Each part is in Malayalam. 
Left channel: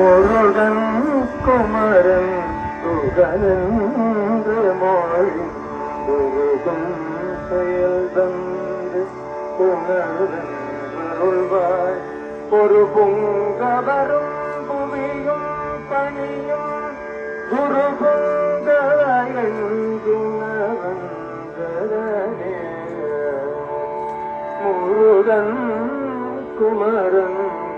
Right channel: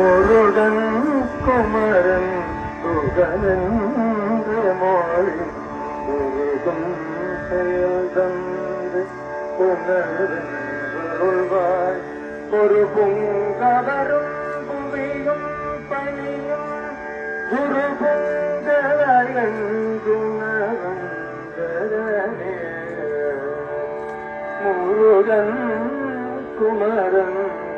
മുഴുവൻ കുമരൻ കുമാരൻ കുമാരൻ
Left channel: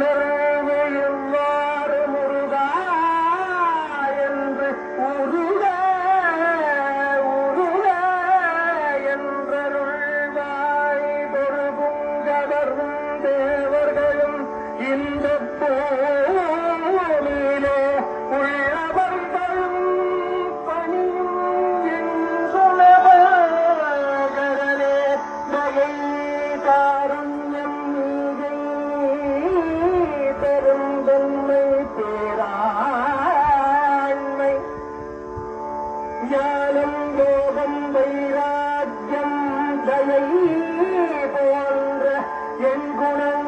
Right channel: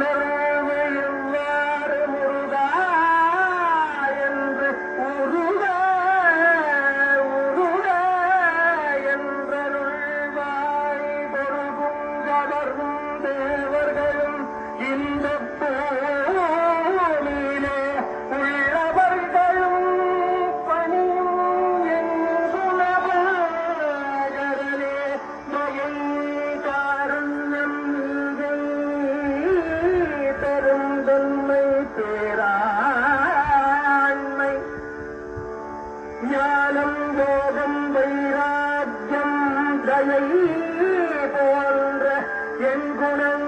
Amen. ஞானம் போகம் வைராக்கியம் தயை போன்ற என் குணங்கள்